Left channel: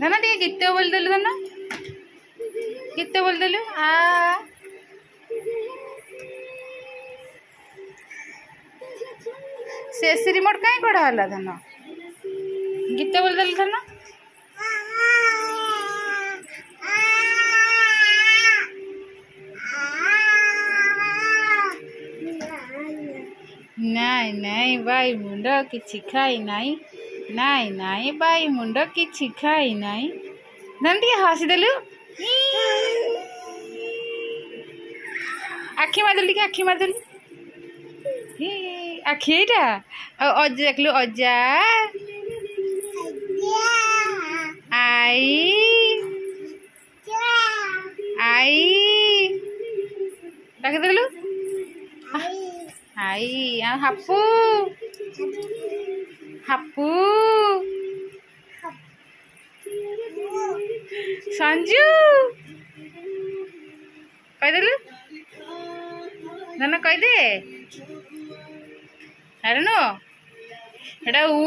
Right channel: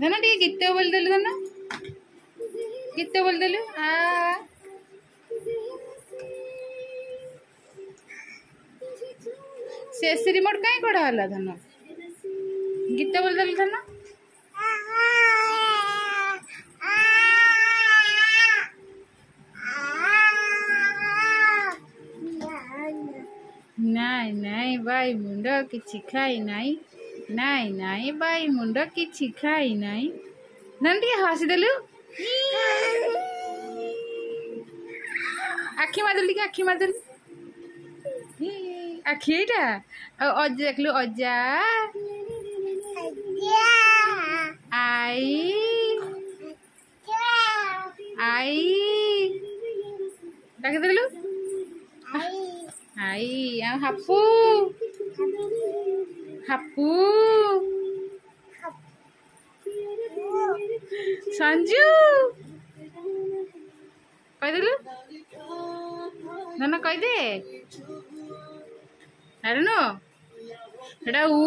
धना टे गीत बोल देलु धना गीत बोल देलु आ से रिमोट कहीं कड़ा हला धना गीत बोल देलु धना नाई नाई बाई मुंड किछि खाई नाई नाई नाई बाई मुंड किछि खाई नाई धन हसी देलु आखि मारदेलु टिके आखि मारदेलु आखि एटा अजा देखलु अजा आई आई डाक देलु आई हापू हापू संजू कह देलु ना कह दे अरे नो एटा ऊ